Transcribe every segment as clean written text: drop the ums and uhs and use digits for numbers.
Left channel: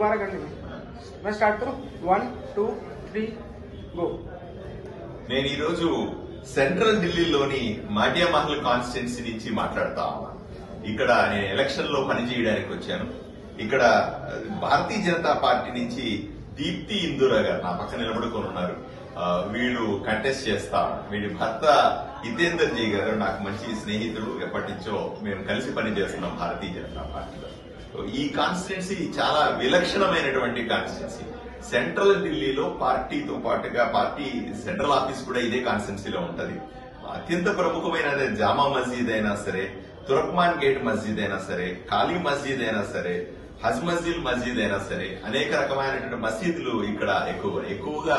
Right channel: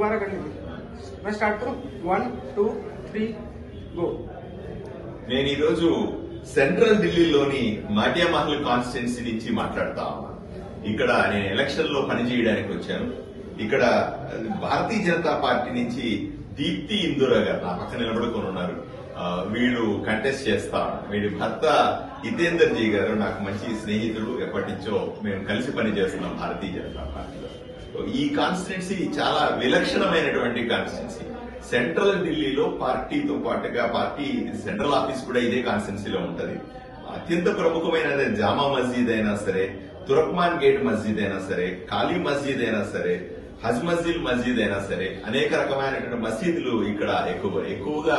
दोबारा करेंगे। मैं स्टार्ट करूं 1 2 3 गो। నేను ఈ రోజు సెంట్రల్ ఢిల్లీలోని మాటియా మహల్ కాన్స్టిట్యున్సీ నుంచి మాట్లాడతా ఉన్నాను. ఇక్కడ నేను ఎలక్షన్ లో పనిచేయడానికి వచ్చాను. ఇక్కడ భారతీయ జనతా పార్టీ నుంచి దీప్తి ఇందురా గారు నా పక్కన నిలబడుకొని ఉన్నారు. వీళ్ళు కంటెస్ట్ చేస్తా. వీడి భర్త హితేందర్ జీ గారు నాకు మంచి స్నేహితుడు. ఎప్పటి నుంచో మేము కలిసి పనిచేస్తున్నాం భారతీయ జనతా పార్టీలో. ఈ కాన్స్టిట్యున్సీ చాలా విలక్షణమైనటువంటి కాన్స్టిట్యున్సీ. సెంట్రల్ ఢిల్లీలో పార్టీతో పాటుగా పార్టీ సెంట్రల్ ఆఫీస్ కూడా ఇదే కాన్స్టిట్యున్సీలో ఉంటది. అత్యంత ప్రముఖమైన జామా మస్జిద్ అయినా సరే, తురక్మాన్ గేట్ మస్జిద్ అయినా సరే, కాళీ మస్జిద్ అయినా సరే, హజ్ మస్జిద్ అయినా సరే, అనేక రకమైనటువంటి మసీదులు ఇక్కడ ఎక్కువగా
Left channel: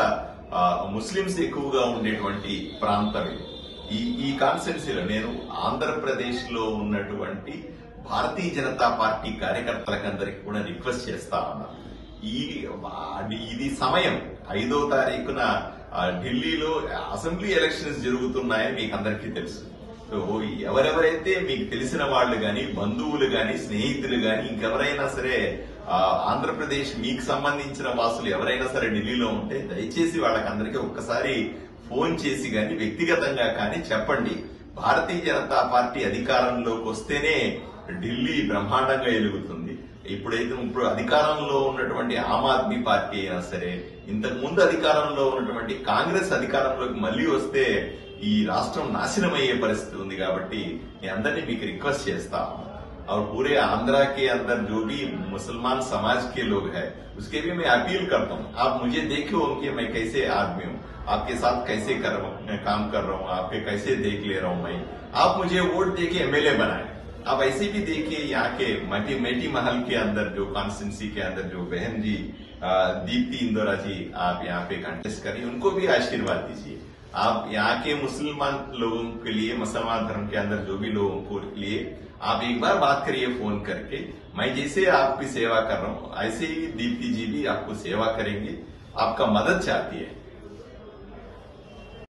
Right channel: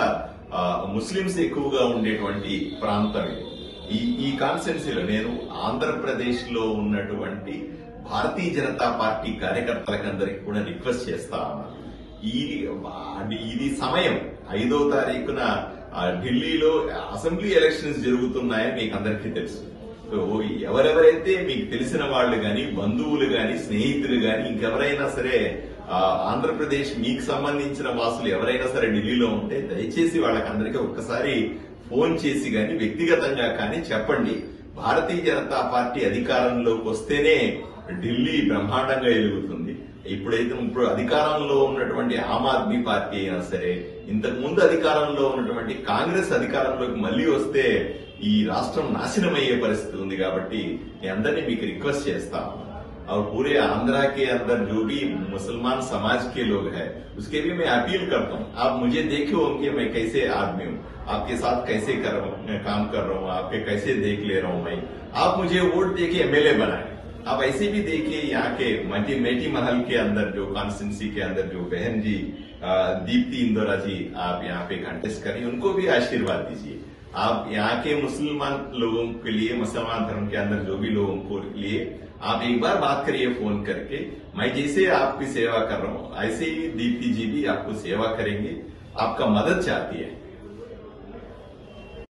ముస్లింస్ ఎక్కువగా ఉండేటువంటి ప్రాంతం ఇది. ఈ కాన్స్టిట్యున్సీలో నేను ఆంధ్రప్రదేశ్ లో ఉన్నటువంటి భారతీయ జనతా పార్టీ కార్యకర్తలకందరికీ కూడా రిక్వెస్ట్ చేస్తా ఉన్నా. ఇది సమయం 5వ తారీఖున ఢిల్లీలో అసెంబ్లీ ఎలక్షన్స్ జరుగుతున్నాయని మీకు అందరికీ తెలుసు. ఎవరెవరైతే మీకు తెలిసిన వాళ్ళు గాని, బంధువులు గాని, స్నేహితులు గాని, ఇంకెవరైనా సరే ఆంధ్రప్రదేశ్ మీకు సంబంధించిన వాసులు ఎవరైనా సరే ఢిల్లీలో ఉంటే దయచేసి వాళ్ళకందరికీ ఒక్కసారి ఫోన్ చేసి గాని, వ్యక్తిగతంగా కానీ చెప్పండి. భారతీయ జనతా పార్టీ అధికారంలోకి వస్తేనే ఢిల్లీ బ్రహ్మాండంగా ఎదుగుతుంది. ఇప్పుడు అధికారంలో ఉన్నటువంటి ఆమ్ ఆద్మీ పార్టీ అయినా సరే, ఇంతకు ముందు అధికారంలో ఉన్నటువంటి కాంగ్రెస్ అధికారంలోకి మళ్లీ వస్తే ఈ రాష్ట్రం నాశనం అయ్యే పరిస్థితి ఉంది. కాబట్టి మీ అందరినీ మీకు రిక్వెస్ట్ చేస్తా और पूरे आंध्रा के अंदर जो भी मुसलमान समाज के लोग हैं उसके भी मैं अपील करता हूं, आप मुझे देखो कि मैं कैसे आदमी हूं, आपके साथ कैसे काम कर रहा हूं, आपके कैसे देख ले रहा हूं मैं। आप मुझे वोट देके एमएलए बनाए। आप ऐसे भी देखिए यहाँ के मेटी महल के अंदर जो कॉन्स्टिट्यूंसी के अंदर जो बहन जी दीप्ति इंदिरा जी आप यहाँ पे कंटेस्ट करिए, उनको भी आशीर्वाद दीजिए। आप यहाँ के मुसलमान लोगों के लिए, मुसलमान धर्म के अंदर जो भी लोगों को लिए आप एक बार बात करिए फोन करके। मैं जैसे आपकी सेवा कर रहा हूँ ऐसे ही दीप्ति जी भी आपको सेवा करेंगे, आपका मदद चाहती है।